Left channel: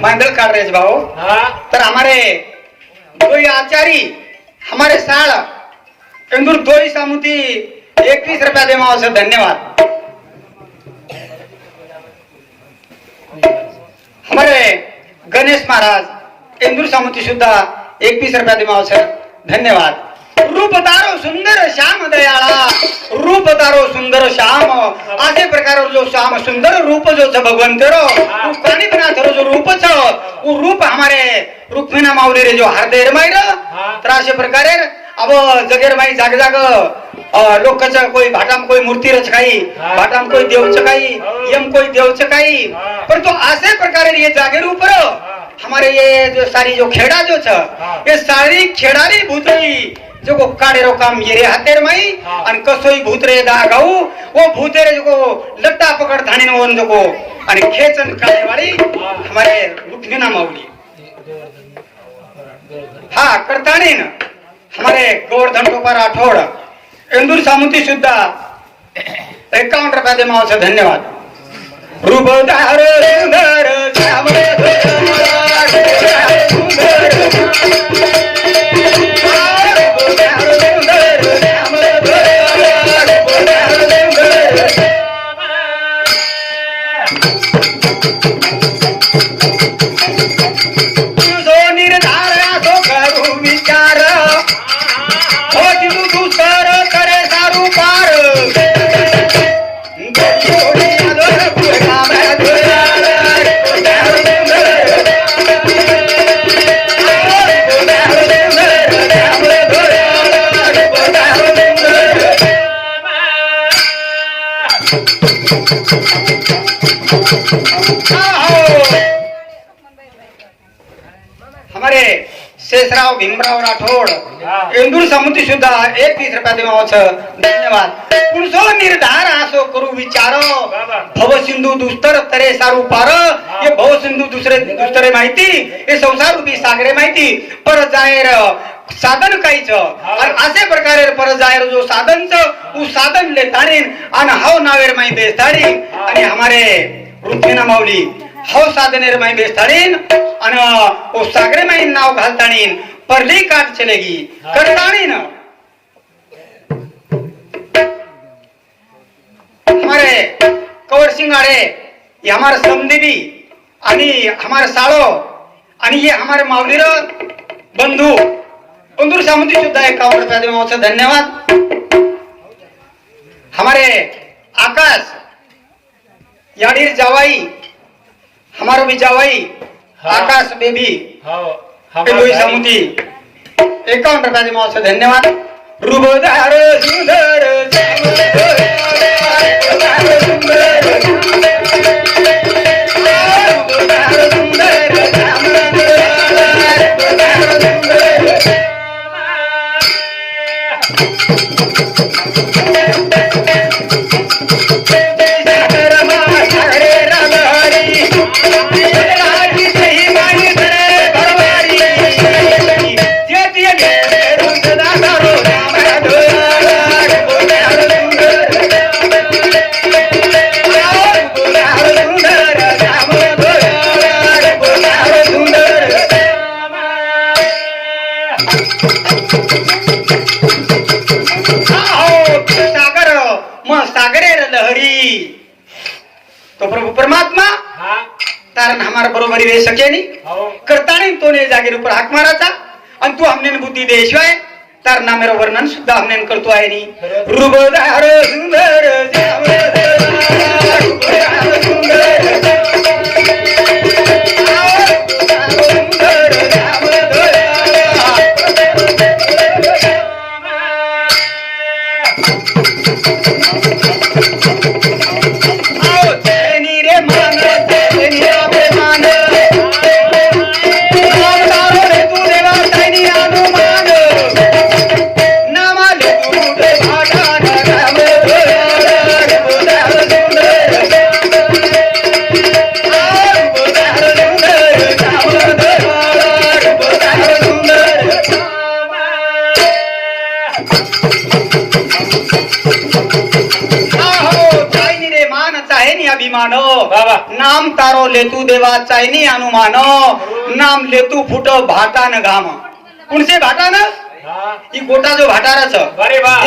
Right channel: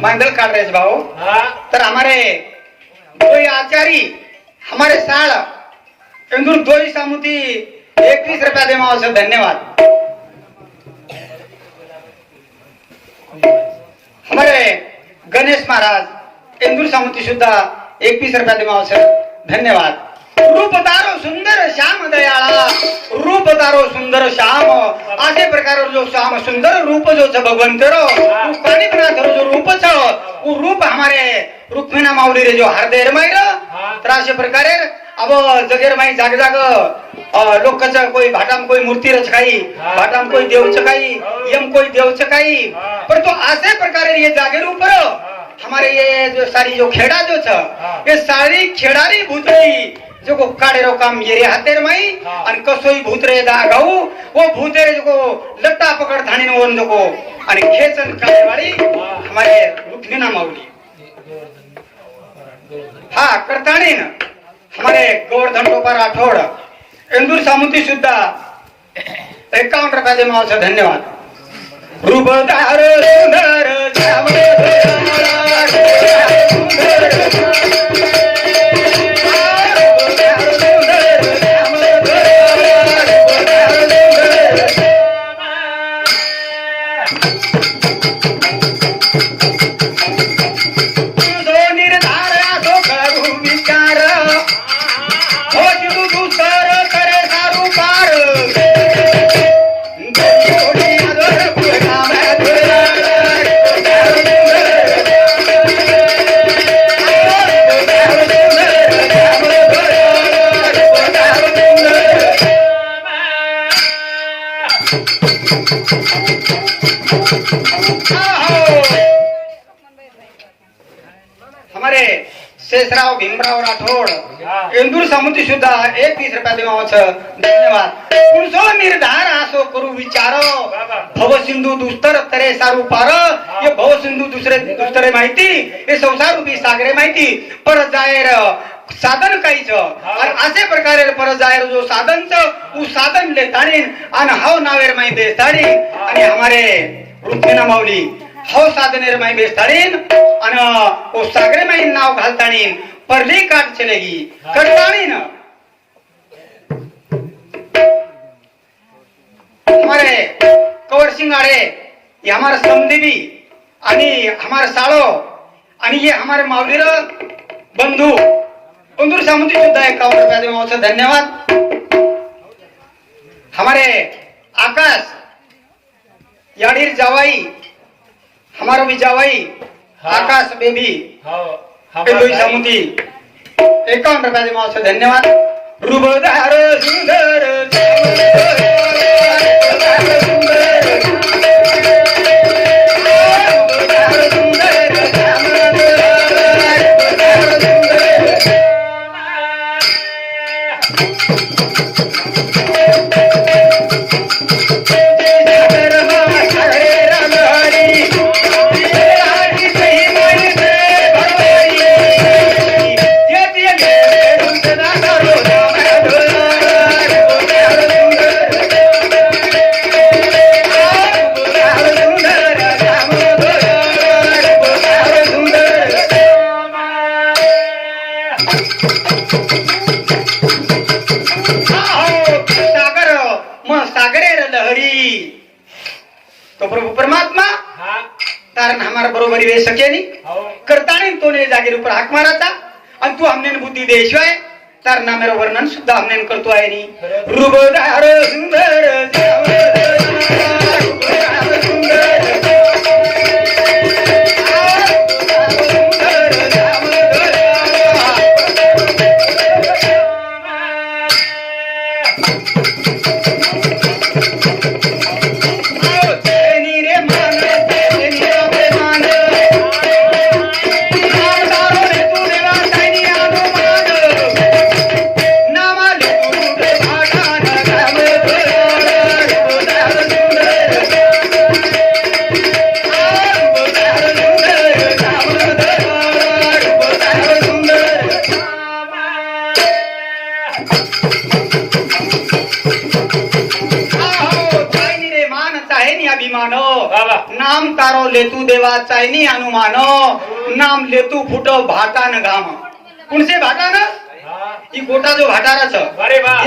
मांडल काढ रहे भाऊ. હા तर हमारे कोई आचार्य हमारे साल इंदूर दोई सामुती एकवीस रुपया देवा आवश्यक धन्यवाद. हमारे गणेश महाराज इंदूर सामुती सुद्धा एकवीस रुपया देवा आवश्यक धन्यवाद. रूप तारो सुंदर श्याम दयाळा रूप तारो सुंदर श्याम। असे प्रकार जो श्याम सुंदर रूप जो छ भगवंत रो उ प्राणी बना थरो जो रूप छ उ रूप हमारे रुक्मिणा माऊली रे जो हरदेर माई र तर अशा प्रकारे अब जगेर माई जाग जाग लोकच कोई भाटाम कोई मूर्ती रच काही भाटाम कोई देवच काही यम कोई देवच काही पण तो असे प्रकारे ये जागेर ऊपर हमारे ये जो सारी जो खेड़ा जो छ ये सारी खेडारी भूतई जो को काढे रो काम ये रे हातेर माई आणि कसोई भूतरे दा गाऊ वो भूतरे जो को लट्टा पकड धाणी नो जो को आणि खेचन काढे वाली हमारे रुक्मिणा माऊली. हा करताणे ना हमारे गोवर्धन गोपाल राठोड इंदूर सामुती सुद्धा एकावन्न रुपया दे मावसा धन्यवाद. रूप तारो सुंदर श्याम एक तीस रुपया देवाच धन्यवाद. पुरुषो निर्धार असो करू विचार. बाबा. भव सिंधू दुस्तर तरे सारू पार. हे. भव सिंधू दुसरे दुस्तरे माहिती. हे संसार रूपी सागरे माहिती. पर जायर साधन काहीच. आणि असे प्रकारे पर जायर जो साधनच तू साधन ले ताणीन. आणि हाव नावेर माही बेस्ताडी. आणि हमारे पृथ्वीना माऊली. हो साधनेर माही बेस्ताडीन. आणि ओ सागरे माही नाव घालताणीन. परली काट चलेगी. करताणीन. हमारे कवर सिंगाड़े ये हमारे समदेवी आणि हमारे साळो आणि ये हमारे माऊलीर बंधू. बंधू सामुद्री सुद्धा एकावन्न रुपया देवाचे धन्यवाद. हमारे आकाश याडीर जावाई हमारा भी जावाई आकाश बेबी दोही सामुद्री एकावन्न रुपया देवाचे धन्यवाद. रुबदार सुंदर तो प्रभु परमात्मा? कारण हमारा बरोबरी वे सके नहीं हो. करताणी तो ने जागेर ऊपर हाक माराचा आणि तू हमने बुद्धी देशिवाय तर ना मेरा वर्णन सुद्धा हमने करतो आहे नी। रुबदार सुंदर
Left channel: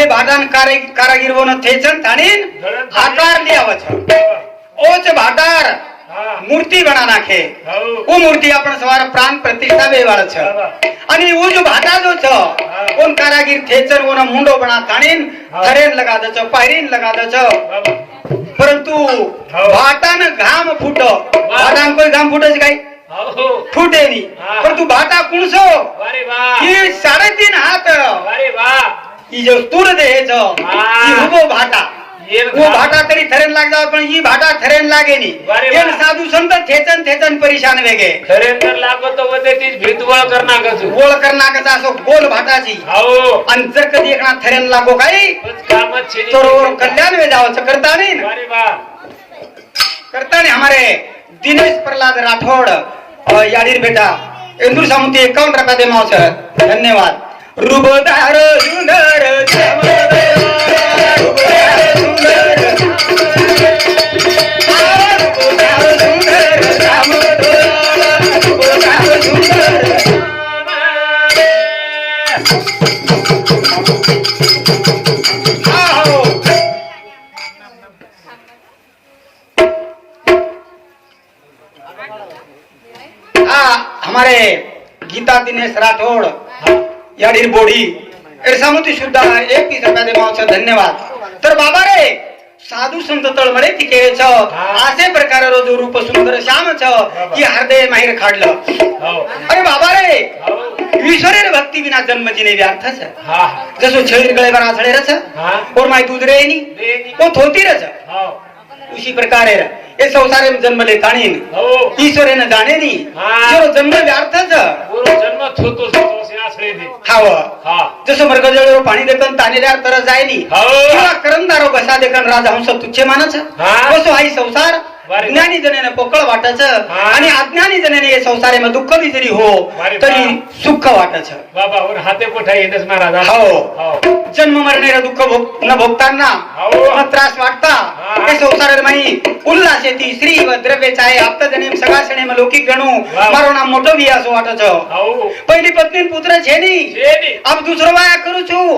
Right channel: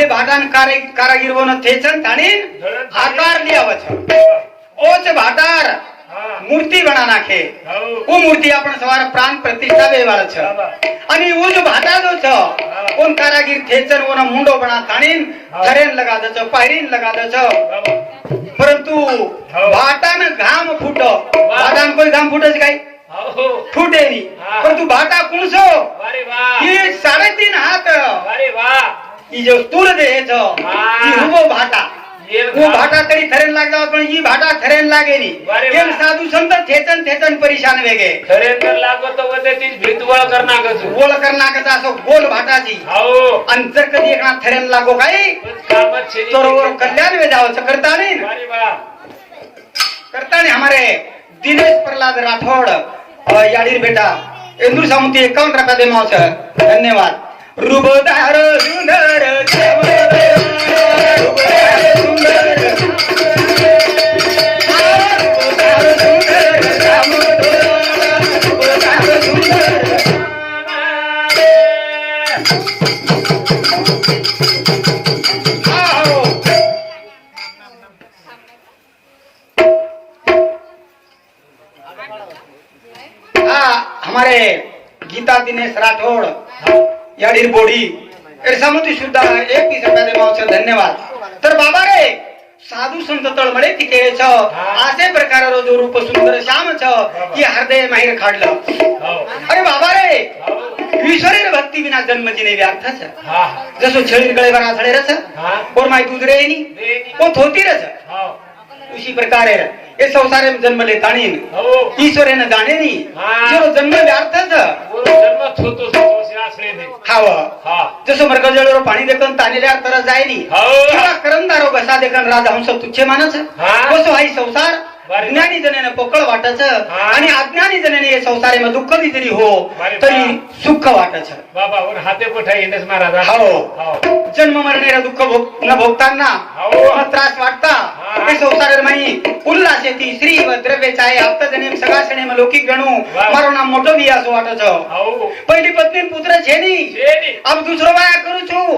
એ ભાટાન કારાગીરવો ને થઈ છે તાણે. આકાર લે આવે છે. ઓચ ભાટાર. મૂર્તિ ગણા નાખે. ઓ મૂર્તિ આપણે સવારે પ્રાણ પ્રતિષ્ઠા બે વાળો છે અને એવો જ ભાટાનો છે. ઓન કારાગીર થેચર ઓનો મુંડો બણા તાણીન થરેન લગા દે છો પહેરીન લગા દે છો પરંતુ ભાટાને ગામ ફૂટો. ભાટાને કોઈ ગામ ફૂટે છે કાઈ? ફૂટે નહીં. પરંતુ ભાટા કુણ છો? એ સાડે તીન હાથ. અરે વાહ. की जो तूर भाटा. भाटा. तरी थरेन लागला पण ही भाटा थरेन लागेली एन साधू संत थेचन थेचन परेशान वेगे. थरेन तर लागत होते असो गोल भाटाची. हो. जर कधी एकना थरेन लागो काय? तोरवर कल्याण वे जावच करता नाही करता नाही हमारे. दिनेश प्रल्हाद राठोड याडीर बेटा. इंदूर सामुती एकावन्न रुपया दे मावसर. धन्यवाद. रुबदार सुंदर जामदार, रुबदार सुंदर. रुबदार सुंदर जामदार, रुबदार सुंदर. आहो. हाँ हमारे गीता दिनेश राठौड़ याडीर बोडी. एरसामती सुद्धा एक रुपया दे मावचं धन्यवाद. तर बाबा रे साधू संत तळमळे तिके छ असे प्रकार जो रूप सुंदर श्याम छ की हृदय माहीर खाडलं. हो. अरे बाबा रे हो. ईश्वरेर भक्ती विना जन्म जिने व्यर्थच हा. जसो छळीर गळे बरा आसळे रच हा. और माई दूध रे नी. ओ थोती हो. उसी प्रकारे ये संसारे में जन्म ले ताणीन हो. ईश्वरेन जाणे नी हा. जो जन्म व्यर्थच पूर्व जन्म थोतो हाव हा. जसं मृगजळीवर पाणी देखन तानेल्यावर तर जायली हो. करंदारो बसा देखन राजहंस तुच्छे मानच हा. बसो हाई संसार. ज्ञानी जणांना पोकळ वाटायचं आणि अज्ञानी जणांनी संसारे मग दुःख विजरी हो तरी सुख वाटायचं. बाबा और हाते पठा येतच महाराज हो. हो. जन्म मरणारा दुःख न भोगताना त्रास वाटता. ते येते श्री व द्रव्य चाय हप्ता जणे गणू मारो नाम मोठो भी असं वाटायचं. पहिली पत्नी पुत्र झेनी अब दुसरो वाया करू छू.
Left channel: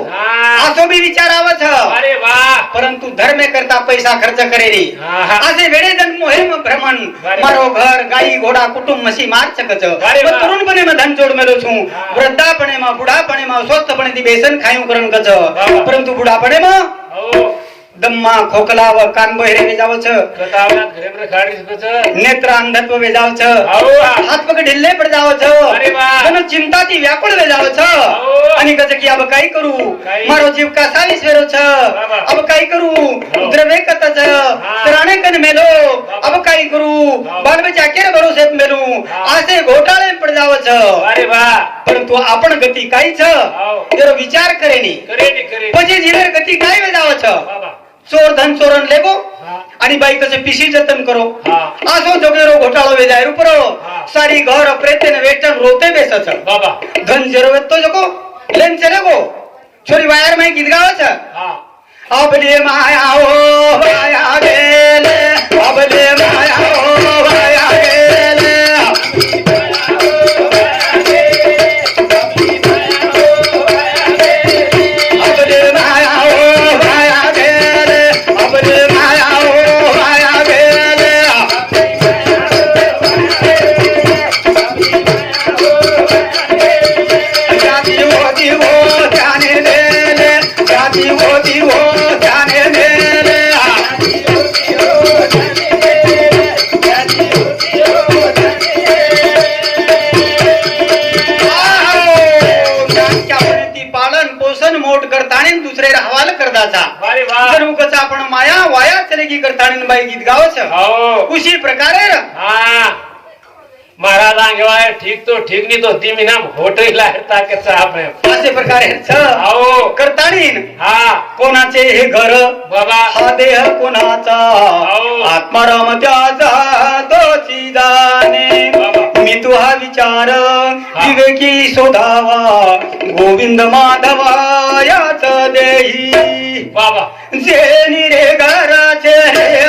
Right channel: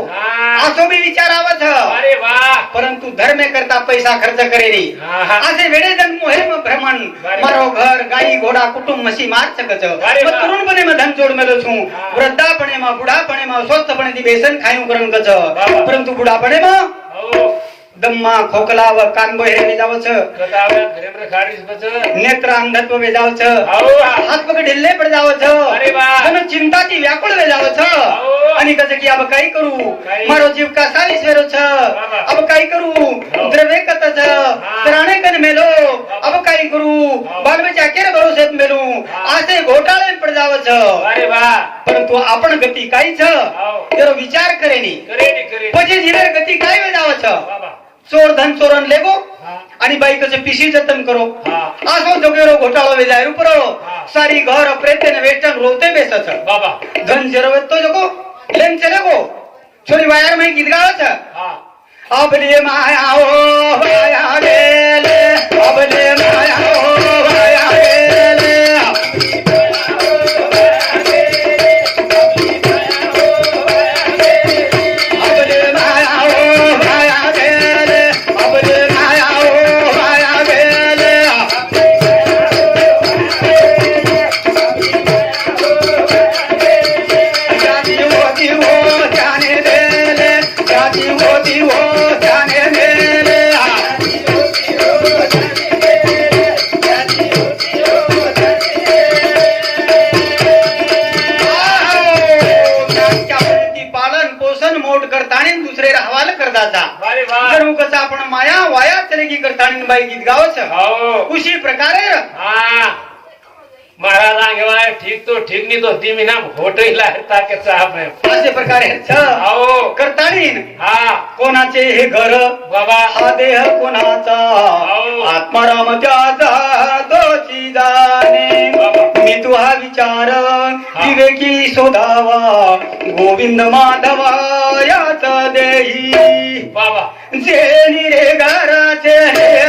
असो भी विचारावच परंतु धर्म करता पैसा खर्च करेली. असे वेळे जन्म મોહેમ બ્રહ્મણ મારો ઘર ગાઈ ઘોડા કુટુંબ મસી માર છક છો તરુણ બને માં ધન જોડ મેળો છું. વૃદ્ધાપણે માં બુઢાપણે માં સ્વસ્થપણે થી બેસન ખાયું કરણ કછ પરંતુ બુઢાપણે માં दम्मा खोकला व कान गोहेरे वेजावच नेत्र अंधत्व वेजावच. हात पक ढिल्ले पड जावच. चिंता ती व्याकुळ वेजावच. आणि कस की अब काय करू? मारो जीव का सालिस वेरोच अब काय करू? द्रवे कतच प्राणे कन मेलो. अब काय करू? बालबच्या केर भरोसे मेलू. आसे घोटाळे पड जावच. अरे वा. परंतु आपण गती छ जर विचार करेनी. पजे जिडर गती काय वेजावच? ચોર ધન ચોરન લેવો અને બાઈ કસે પીસી જતન કરો આસો જગેરો ઘોટાળો વેદાય ઉપરાળો સારી ઘર અપરેતે ને વેચન રોતે બેસત બાબા ધન જરૂરત તો જકો લેન ચલે ગો છોરી વાયર માં ગીત ગાવે છે અબલે માયા આવો આયા રે અબલે आंगेवाय ठीक तो ठीक नाही तो ती मी ना होटही लाहता के साहब है। असे प्रकारे छ हो करतानीन हा। कोणाचे हे घर? बाबा। हा देह कोणाचा हो. आत्माराम त्याचा तोची जाणे मी तू हा विचार विवेकी शोधावा गोविंद माधवा याच देही। बाबा। जे निरे घराचे रे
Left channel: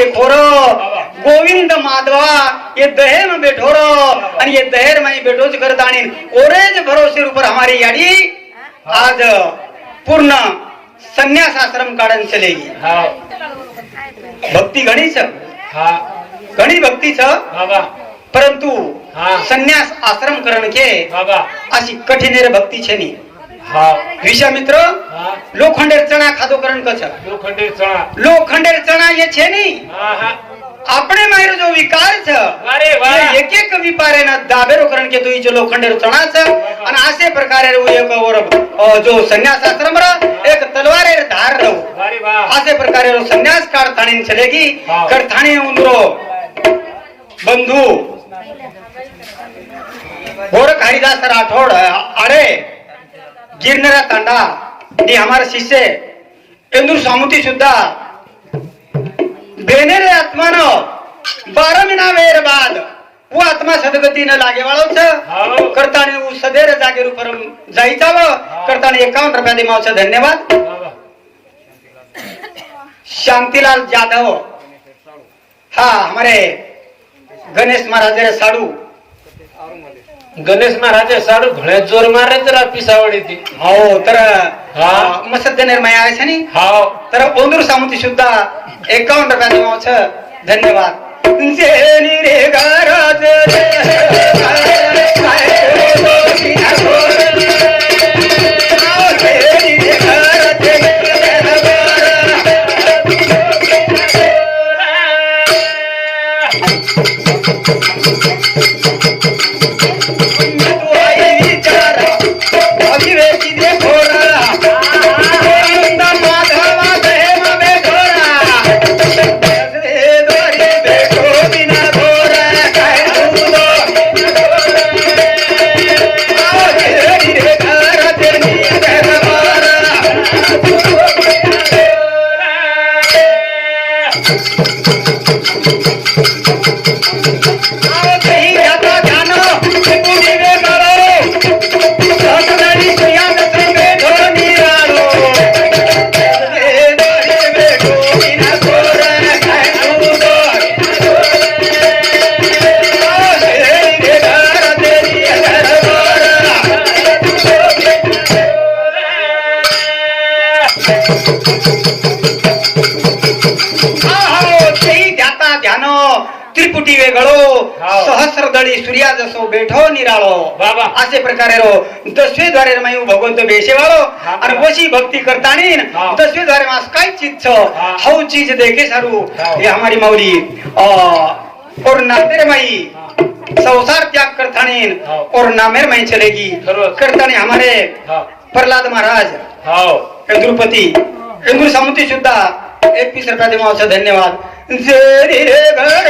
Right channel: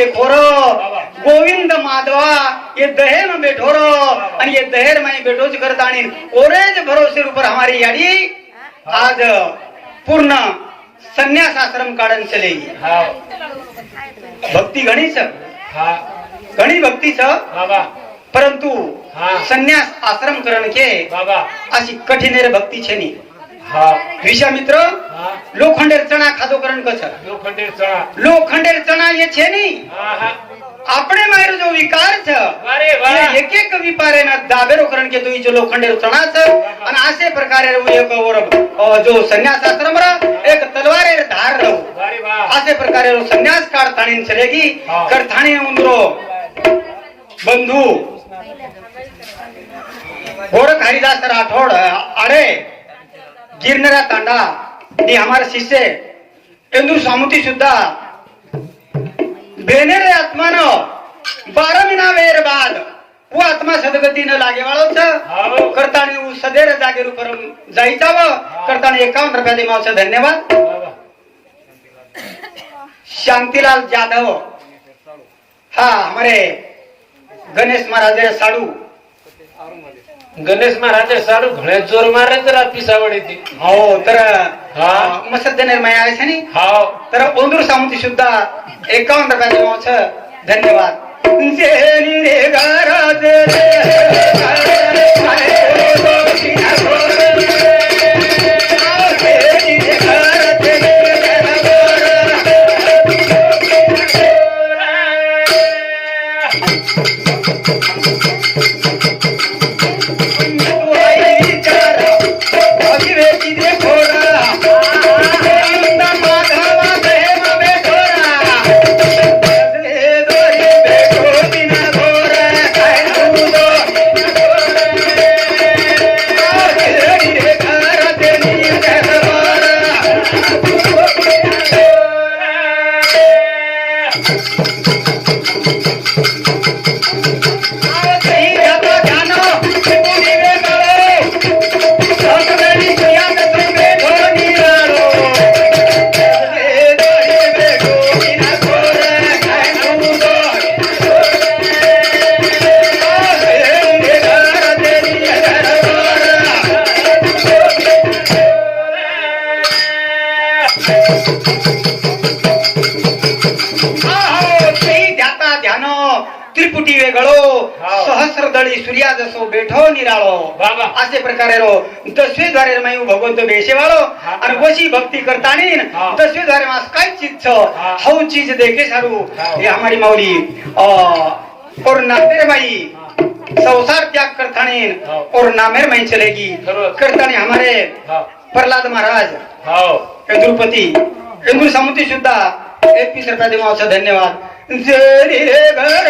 विवेकी देखो रो गोविंद माधवा ये दहेर में बैठो रो आणि ये दहेर में बैठो ज कर दाणी ओरेज भरोसे ऊपर हमारी याडी आज पूर्ण संन्यास आश्रम काढन चलेगी भक्ती घणीच हा। घणी भक्तीच बाबा। परंतु. संन्यास आश्रम करण के बाबा। अशी कठीनेर भक्ती છે ની રિશા મિત્રો લોખંડેર ચણા ખાધો કરણ કછ લોખંડેર ચણા લોખંડેર ચણા એ છે ની આપણે મારો જો વિકાર છે અરે વાહ એક એક વિપારે ના દાબેરો કરણ કે તો ઈ જો લોખંડેર ચણા છે અને આસે પ્રકારે હું એક ઓર જો સંન્યાસ આશ્રમ રા એક તલવારે ધાર રહો અરે વાહ આસે પ્રકારે રો સંન્યાસ કાળ થાણી ચલેગી કર થાણી ઉંદરો બંધુ ગોરખ હરિદાસ રાઠોડ અરે गिरणारा तांडा आणि हमारे शिष्य इंदूर सामुती सुद्धा बेनेरे आत्मान बारा महिना वेर बाद व आत्मा सदगती न लागे वाळवच. करताने उ सदैर जागे रूप जायचा व करताने एकावन्न रुपया दिमावचा धन्यवाद। शांतिलाल जाधव। हाँ हमारे गणेश महाराज रे साडू। गणेश महाराज साडू घणे जोर मारे तर पिसावडी ती हो तर हा. मसद निर्मय आहे छे नी हाव तर ओंदूर सामुती सुद्धा एकावन्न रुपया दिमावच धन्यवाद. Yeah. असे प्रकारे रो दसवे द्वारे भगवंत बेशेवाळो हा. आणि वशी भक्ती करतानी हाव. दसवे द्वारे मास काय हा. हऊ चीज देखे सारू. हे हमारी माऊली और नातेरे माई संसार त्याग करतानी हाव. और नामेर माई चलेगी. करतानी हमारे प्रल्हाद महाराज इंद्रुपती इंदू समुती सुद्धा एकवीस रुपया देवाचा धन्यवाद जय रे घर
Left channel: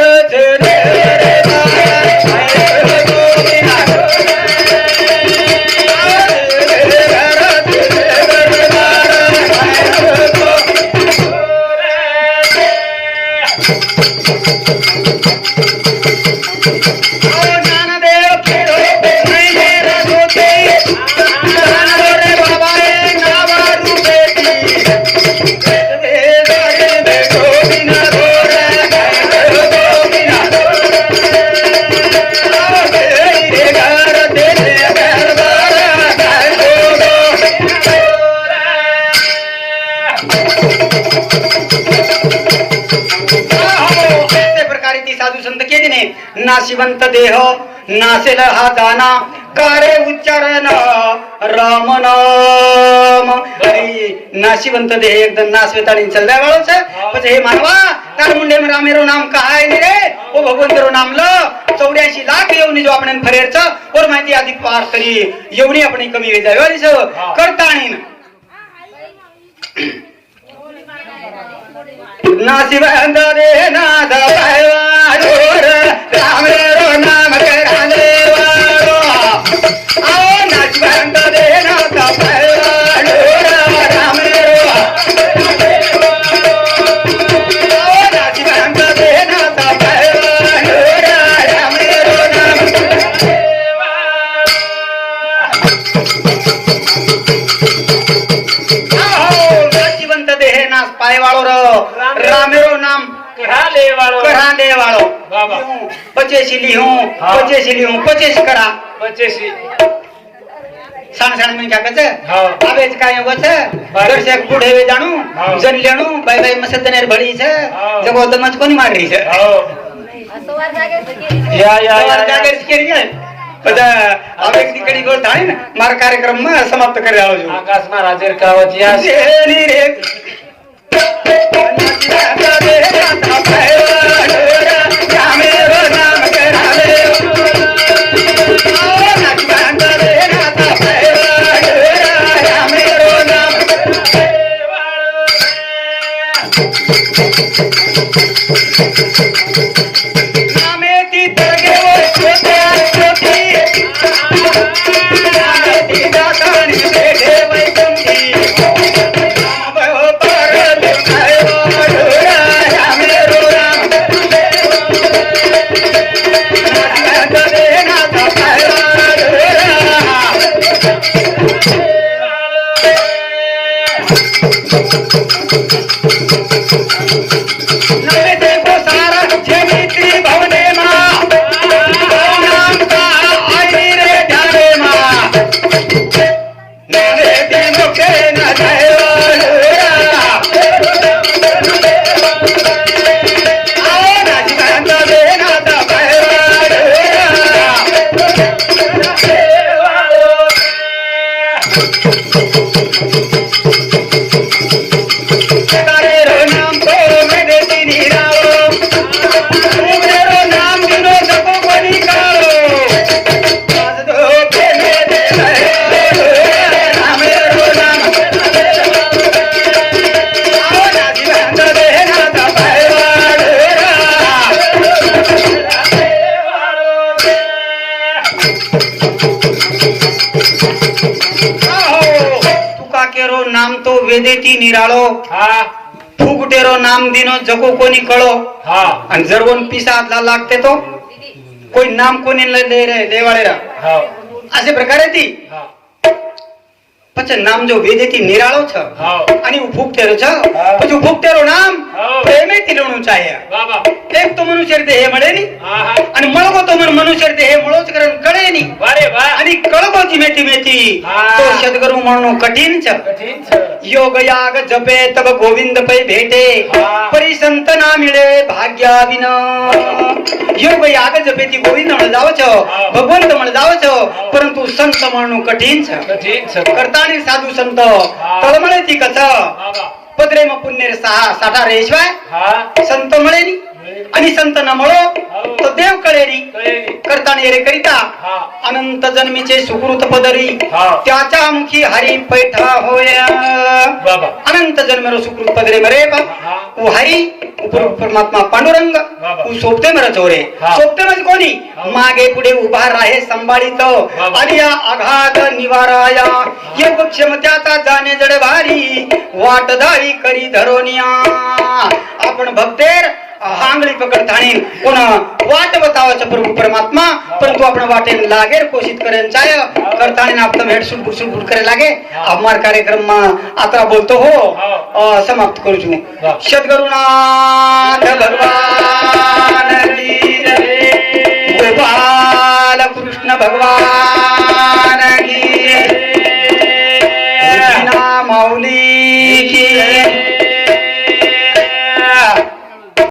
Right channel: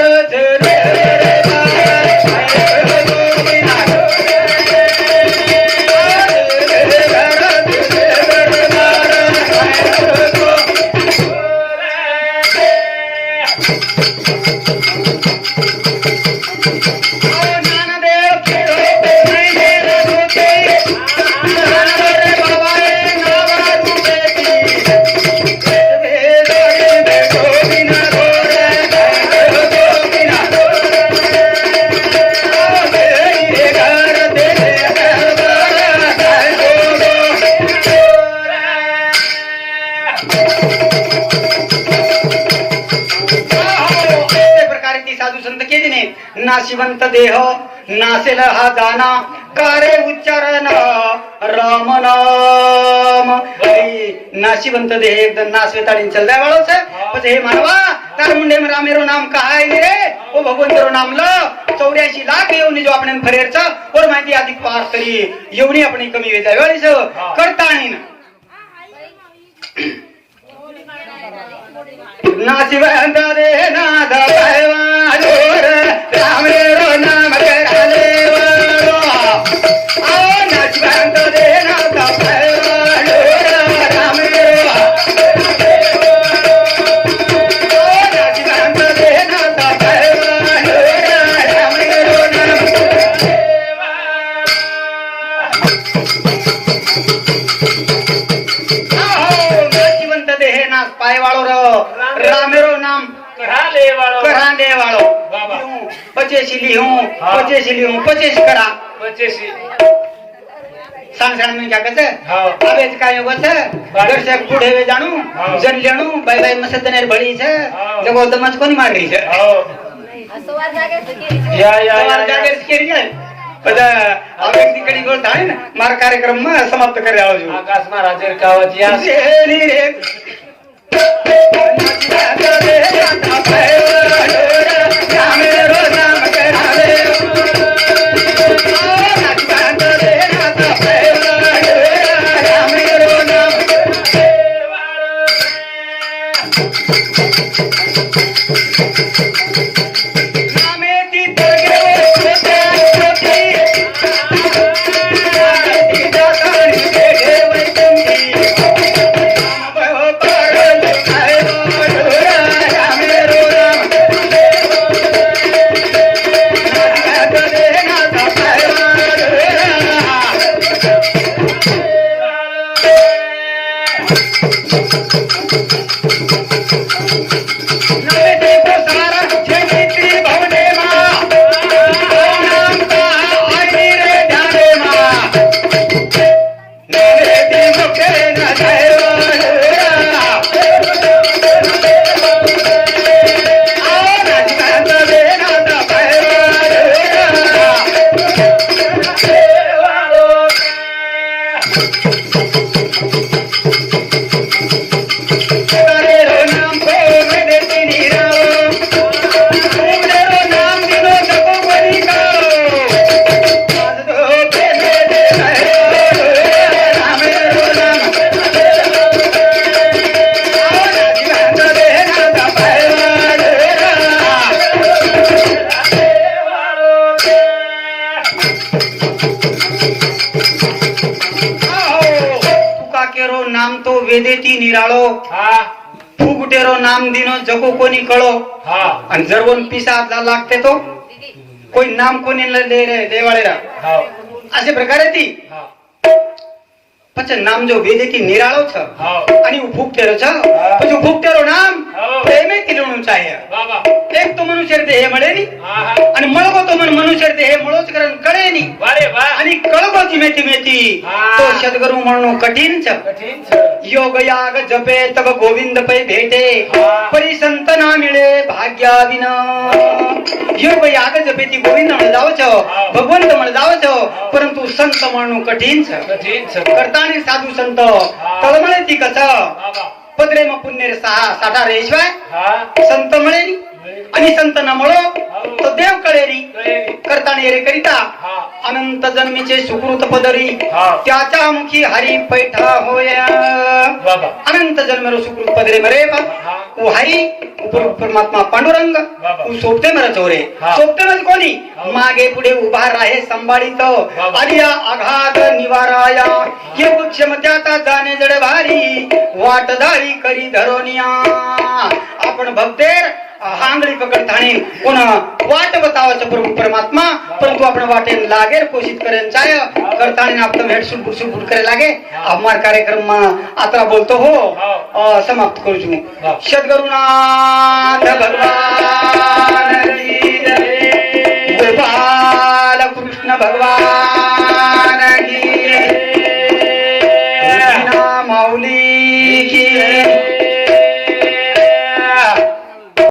अनंत देह नासेल हा जाना कारे उच्चारण राम नाम. नाशिवंत देह एकदम नाशवेता चल जाएगा से हे मानवा तार मुंडे में नाम कहा रे? वो भगवंत रो नाम लो. चौऱ्याऐंशी लाख येऊनी जो आपण फरेरचा. और माहिती अधिक पार तरी येऊनी आपण कमी वेळ जाय करता आणि नाशिवंत देह ना ली हूँ. हाँ। पच्चीस ली हूँ पच्चीस करा पच्चीस साल साल में क्या कहते हाँ। मार या या या जागर सिकेरी है कदा कार्यक्रम में समाप्त कर रहा आकाश में राजेर जगो कोणी कळो हा आणि जर कोण पिसा लागते तो કોઈ નામ કોની લે દે રે દેવાળેરા हा આ જે પ્રકારે હતી हा પછી નામ જો વેદેથી નિરાળો છે हा અને હું ફૂગતેરો છે હા. પછી ફૂગતેરો નામ હા. પ્રેમેથી લેણું ચાહે बाबा એક તો મનુષ્ય દેહ મળે मनुष्य मनुष्याचे हे मुळोचकरण कळेनी वारे वा आणि कळबोची मेथी मेथी. तो सद्गुरु म्हणून कठीण योग याग जपे तब गोविंद पै भेटे. परी संत ना मिळे भाग्याविन योग याग जपे ती गोविंद म्हण छ. भगवंत म्हण जावच परंतु संत म्हणून कठीण करताने साधू संत. तळमळे ती कच पदरे मग पुण्य सहा साठा रेशवाय संत म्हणे आणि संत नमळो तो देव कळेरी. करता नेरे करिता अनंत जन्मीचे सुकृत पदरी त्याच्या मुखी हरी पैठा होया अनंत जन्म सुकृत पदरे मरे उ हरी परमात्मा पांडुरंग उ सोपते मर चोरे. सोपते मज कोणी? मागे पुढे उभा राहे संभाळीत. आणि या अघात निवाराया. ये क्षमत्याता जाणे जड भारी. वाटदारी करी धरोनिया. आपण भक्तेर आंगळी पकड थाणी कोण वाट बतावाचं प्रभू परमात्मा. परंतु आपण वाटे लागेर कोशिश करेन चाय. करताणी आपण भेट सुट सुट करे लागे हमार कार्यक्रम आता बोलतो हो. समाप्त करू तुम्ही हा. सद्गुरुनाथ भगवान.